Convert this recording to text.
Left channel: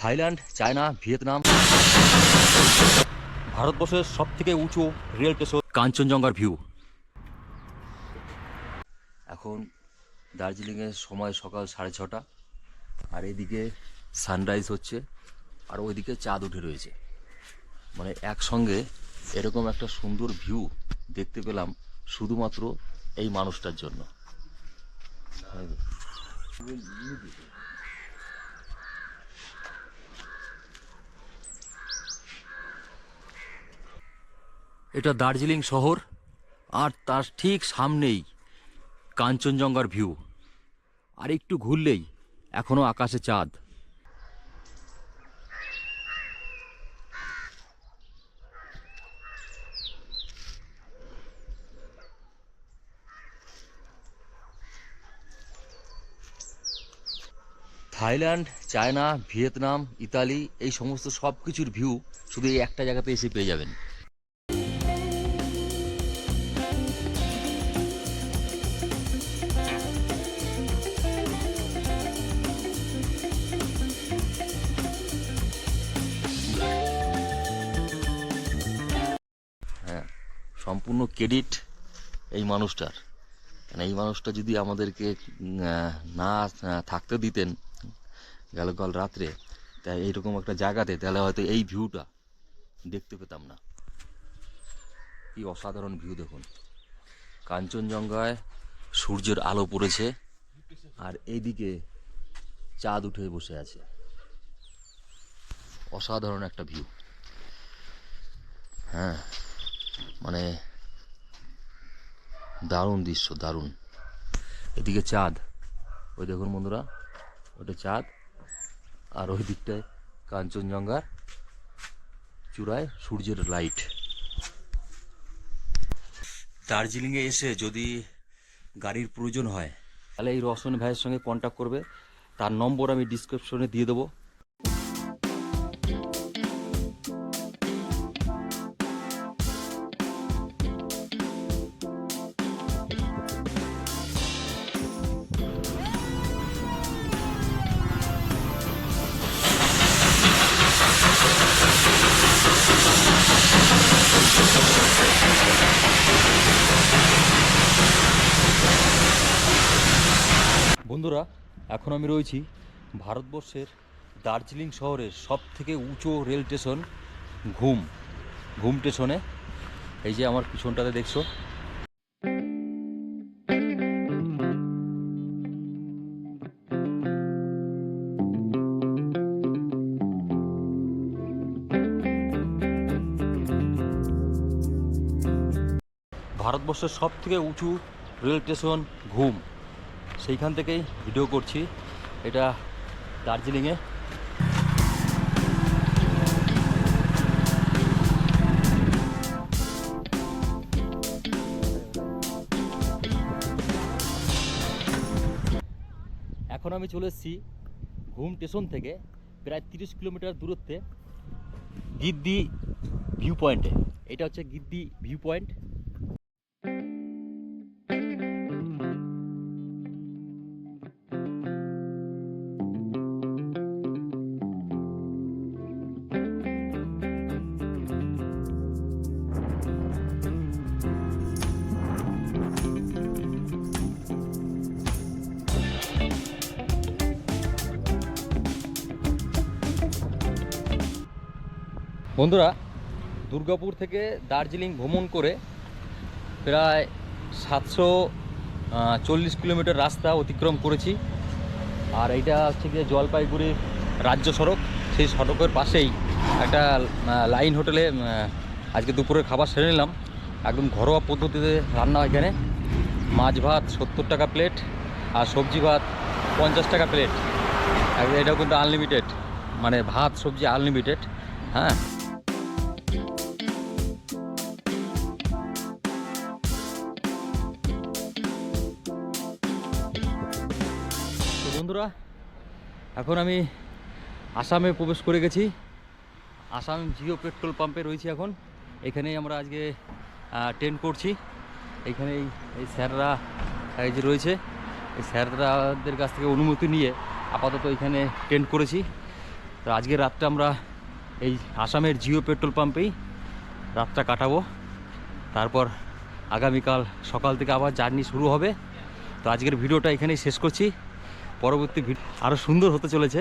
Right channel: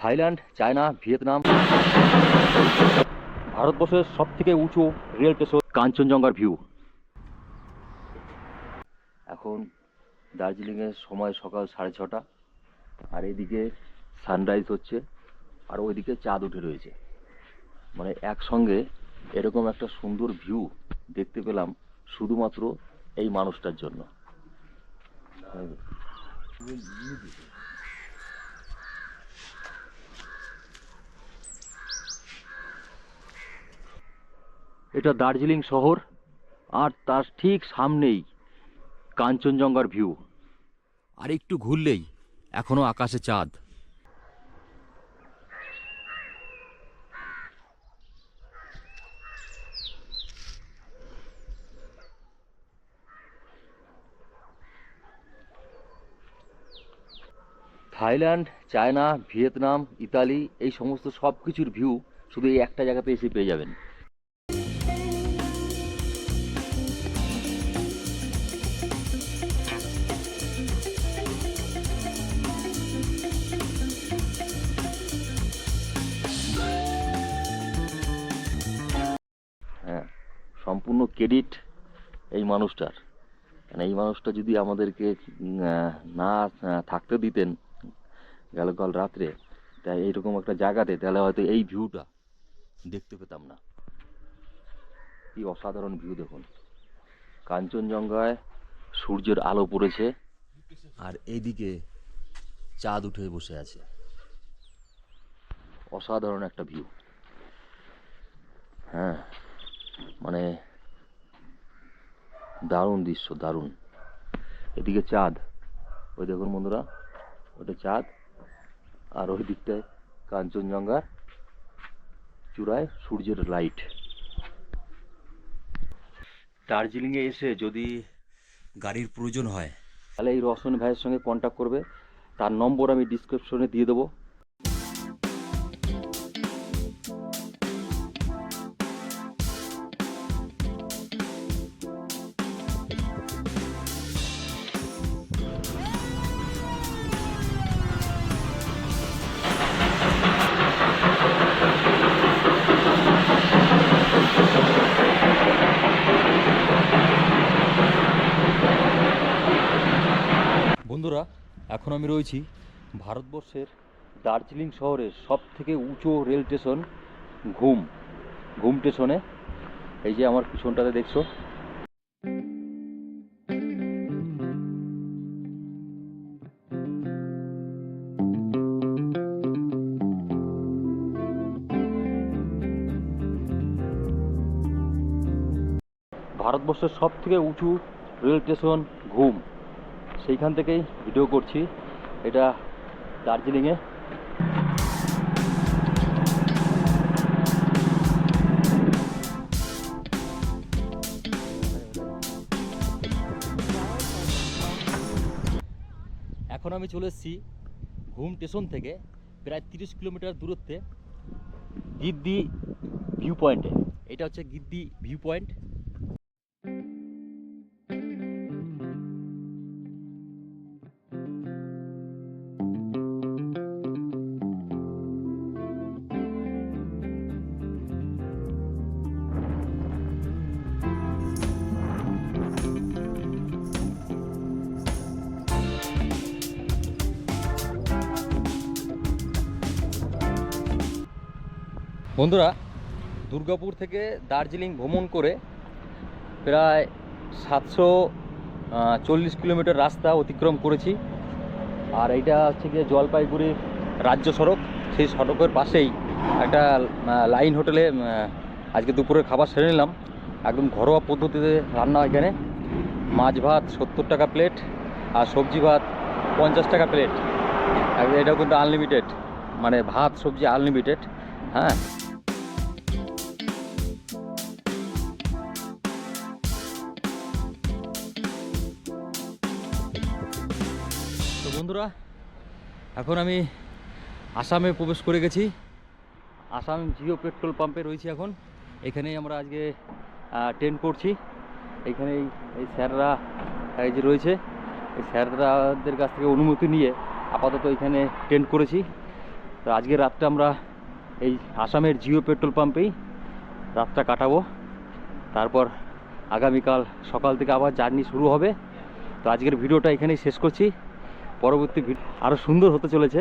Thailand, China, Vietnam. ভারতবর্ষের সব থেকে উঁচু রেল স্টেশন কাঞ্চনজঙ্ঘার ভিউ। এখন দার্জিলিংয়ের সময় সকাল সাড়ে ছটা, আর এইদিকে সানরাইজ হচ্ছে, আর ওইদিকে চাঁদ উঠে রয়েছে। মানে একসঙ্গে এরকম একটা সুন্দর ভিউ দেখতে পেলাম শুধুমাত্র এই মানুষটার জন্য। এটা দার্জিলিং শহর, আর তার ঠিক সামনেই কাঞ্চনজঙ্ঘার ভিউ। আর একটু ঘুরলেই এখনও আকাশে চাঁদ। থাইল্যান্ড, চায়না, ভিয়েতনাম, ইতালি, এই সমস্ত সব কিছুর ভিউ শুধু এই একটা জায়গাতে এসে পেয়ে যাবেন। সম্পূর্ণ ক্রেডিট এই মানুষটার। মানে এই মানুষটা যদি আমাদেরকে না থাকতে দিতেন গেল কাল রাত্রে, তাই এইরকম একটা জায়গাতে, তাহলে হয়তো এই ভিউটা দেখতে পেতাম না। কি অসাধারণ ভিউ দেখুন। কাঞ্চনজঙ্ঘায় সূর্যের আলো পড়েছে আর এইদিকে চাঁদ উঠে বসে আছে। অসাধারণ একটা ভিউ হ্যাঁ। মানে দারুণ দৃশ্য, দারুণ। এদিকে চাঁদ। ওই দেখুন বন্ধুরা, ওটা চাঁদ। আর ওই দিকটায় কাঞ্চনজঙ্ঘার চূড়ায় সূর্যের লাইট। দার্জিলিংয়ে এসে যদি গাড়ির প্রয়োজন হয়, তাহলে এই রসন ভাইয়ের সঙ্গে কন্ট্যাক্ট করবে। তার নম্বর আমি ডিসক্রিপশনে দিয়ে দেবো। বন্ধুরা, এখন আমি রয়েছি ভারতবর্ষের দার্জিলিং শহরের সব থেকে উঁচু রেল স্টেশন ঘুম ঘুম স্টেশনে। এই যে আমার পিছনটাতে দেখছ। ভারতবর্ষের সব থেকে উঁচু রেল স্টেশন ঘুম। সেইখান থেকেই ভিডিও করছি। এটা দার্জিলিংয়ে। এখন আমি চলে এসেছি ঘুম স্টেশন থেকে, প্রায় তিরিশ কিলোমিটার দূরত্বে গিদ্দি ভিউ পয়েন্টে এটা হচ্ছে গিদ্দি ভিউ পয়েন্ট বন্ধুরা, দুর্গাপুর থেকে দার্জিলিং ভ্রমণ করে প্রায় সাতশো চল্লিশ কিলোমিটার রাস্তা অতিক্রম করেছি। আর এইটা হচ্ছে গিয়ে জলপাইগুড়ির রাজ্য সড়ক। সেই সড়কের পাশেই একটা লাইন হোটেলে আজকে দুপুরের খাবার সেরে নিলাম। একদম ঘরোয়া পদ্ধতিতে রান্না এখানে। মাছ ভাত সত্তর টাকা প্লেট আর সবজি ভাত পঞ্চাশ টাকা প্লেট। এটাও কিন্তু আনলিমিটেড মানে ভাত, সবজি আনলিমিটেড হ্যাঁ? বন্ধুরা, এখন আমি আসামে প্রবেশ করে গেছি। আসাম জিও পেট্রোল পাম্পে রয়েছি এখন। এখানেই আমরা আজকে টেন্ট করছি। এখানে এই স্যাররা, এই যে রয়েছে, এই স্যাররাদের কাছ থেকে অনুমতি নিয়ে আপাতত এখানে টেন্ট করেছি। তো আজকের রাতটা আমরা এই আসামের জিও পেট্রোল পাম্পেই রাতটা কাটাবো। তারপর আগামীকাল সকাল থেকে আবার জার্নি শুরু হবে। তো আজকের ভিডিওটা এখানেই শেষ করছি। পরবর্তী ভিডিও আরও সুন্দর হতে চলেছে।